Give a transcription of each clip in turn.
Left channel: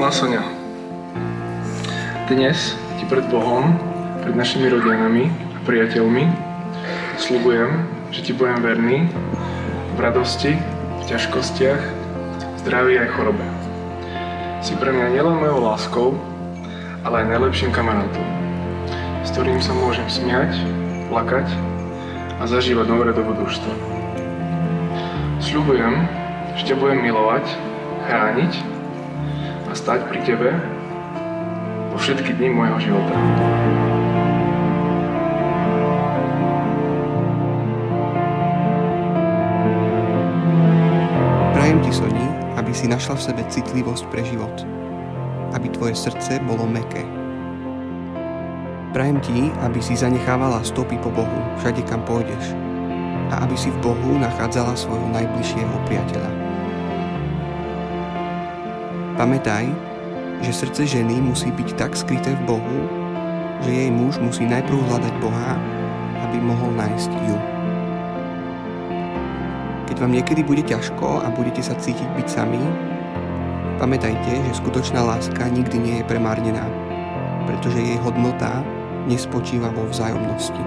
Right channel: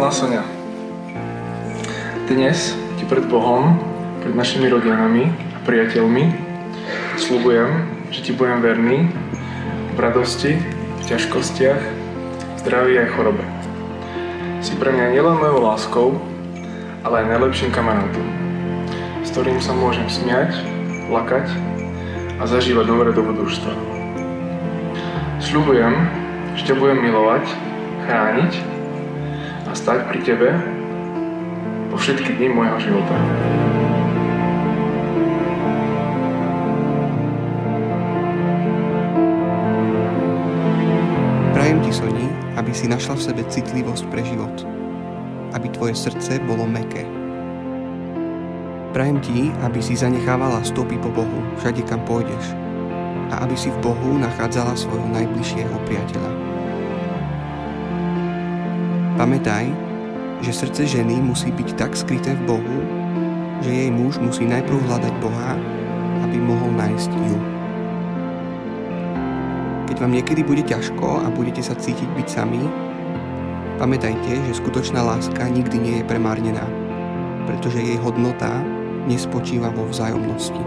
Milá Sonia, dnes ti pred Bohom, pred našimi rodinami a priateľmi sľubujem, že ti budem verný v radosti, v ťažkostiach, v zdraví aj chorobe. Si pre mňa nielen mojou láskou, ale aj najlepším kamarátom, s ktorým sa môžem smiať, plakať a zažívať dobré dobrodružstvo. Sľubujem, že ťa budem milovať, chrániť a stáť pri tebe po všetky dni môjho života. Prajem ti, Soni, aby si našla v sebe citlivosť pre život. Aby tvoje srdce bolo mäkké. Prajem ti, aby si zanechávala stopy po Bohu všade, kam pôjdeš. A aby si v Bohu nachádzala svojho najbližšieho priateľa. Pamätaj, že srdce ženy musí byť tak skryté v Bohu, že jej muž musí najprv hľadať Boha, aby mohol nájsť ju. Keď vám niekedy bude ťažko a budete sa cítiť byť sami, pamätajte, že skutočná láska nikdy nie je premárnená, pretože jej hodnota nespočíva vo vzájomnosti.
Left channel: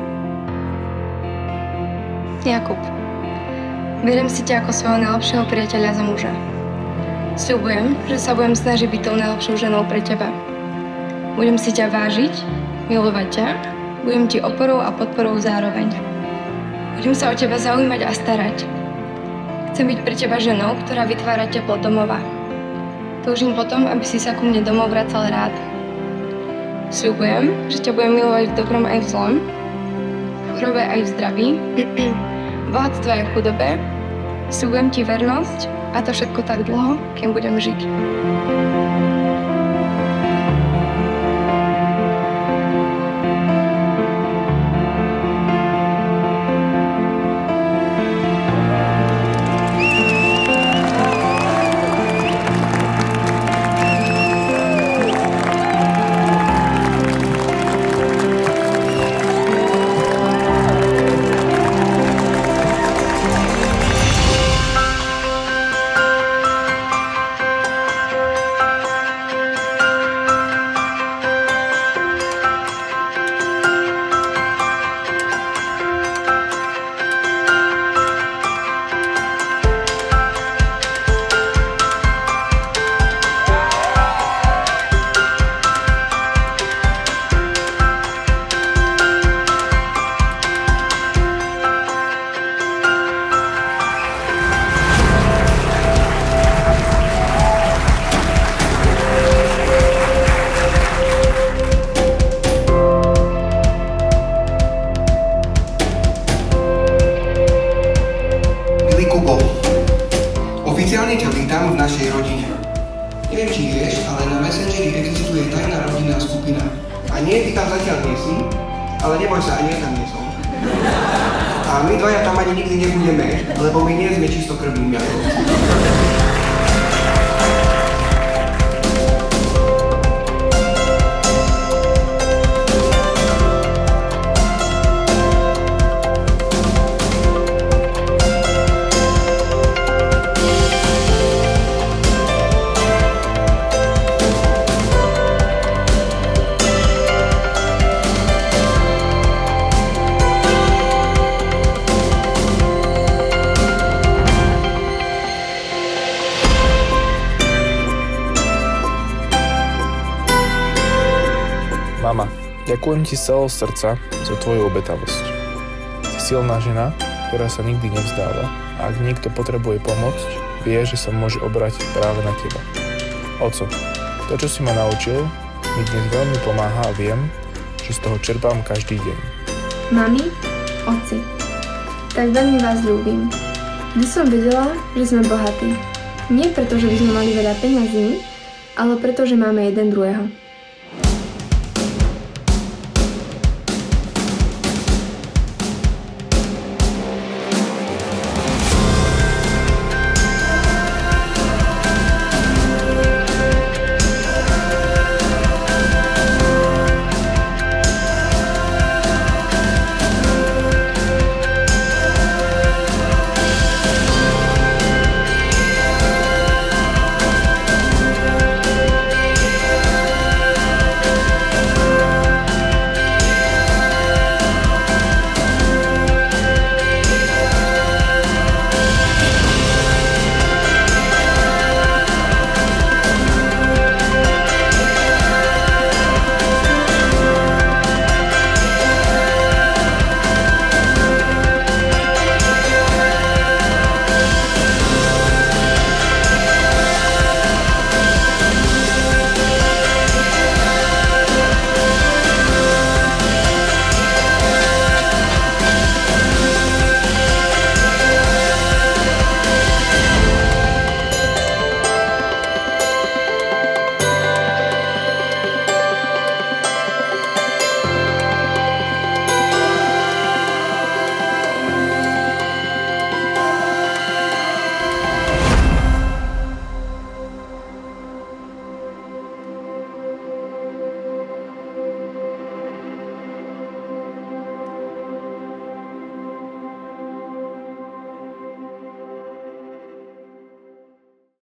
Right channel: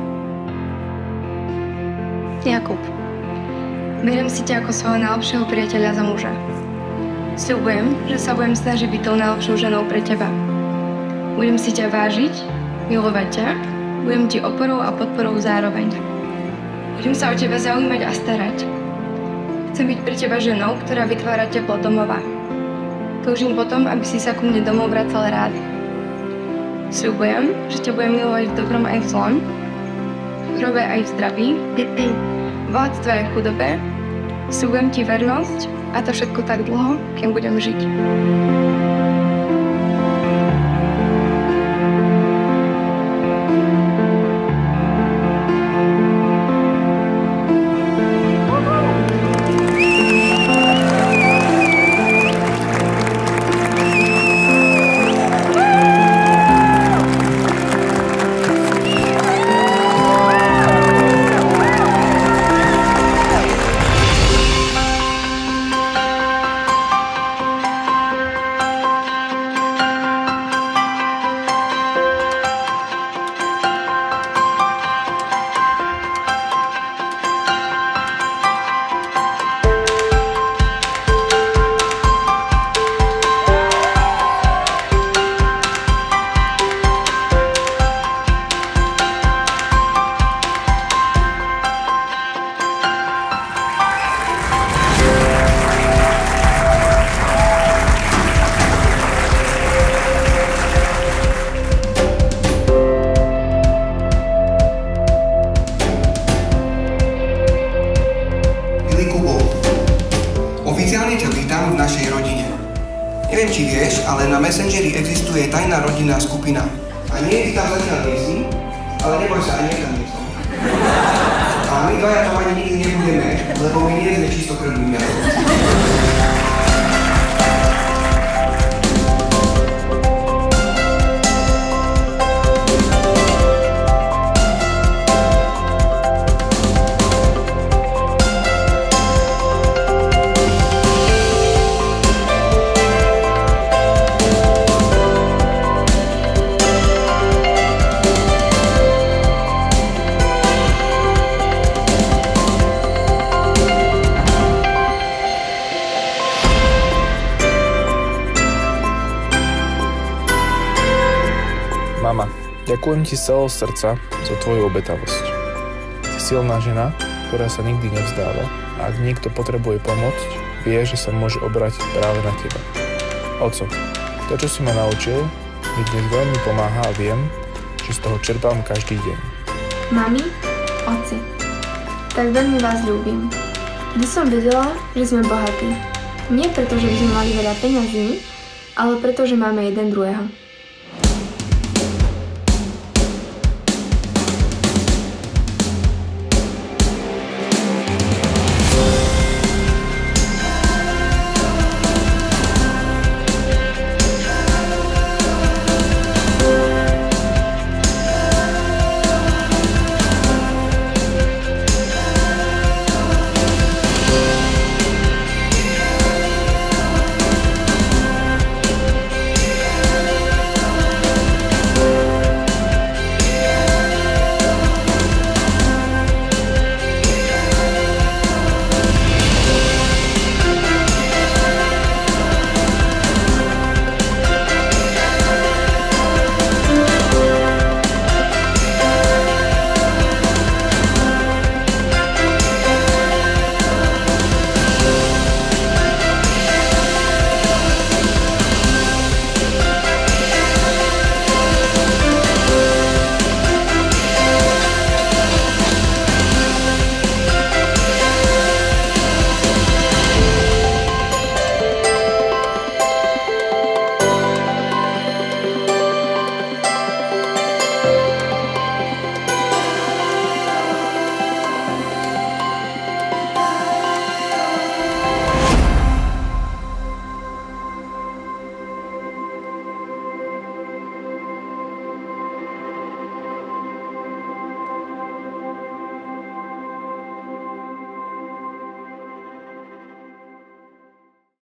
Jakub, beriem si ťa ako svojho najlepšieho priateľa za muža. Sľubujem, že sa budem snažiť byť tou najlepšou ženou pre teba. Budem si ťa vážiť, milovať ťa, budem ti oporou a podporou zároveň. Budem sa o teba zaujímať a starať. Chcem byť pre teba ženou, ktorá vytvára teplo domova. Toužím potom, aby si sa ku mne domov vracal rád. Sľubujem, že ťa budem milovať v dobrom aj v zlom, v chorobe aj v zdraví, v bohatstve aj v chudobe. Sľubujem ti vernosť a to všetko tak dlho, kým budem žiť. Oficiálne ťa vítam v našej rodine. Neviem, či vieš, ale na Messengeri existuje tajná rodinná skupina. A nie, ty tam zatiaľ nie si, ale neboj sa, ani ja tam nie som. A my dvaja tam ani nikdy nebudeme, lebo my nie sme čistokrvní jazdovci. Mama, ďakujem ti z celého srdca za tvoju obetavosť. Si silná žena, ktorá sa nikdy nevzdáva a ak niekto potrebuje pomôcť, vie, že sa môže obrátiť práve na teba. Oco, to, čo si ma naučil, mi dnes veľmi pomáha a viem, že z toho čerpám každý deň. Mami, oci, tak veľmi vás ľúbim. Vždy som vedela, že sme bohatí. Nie preto, že by sme mali veľa peňazí, ale preto, že máme jeden druhého.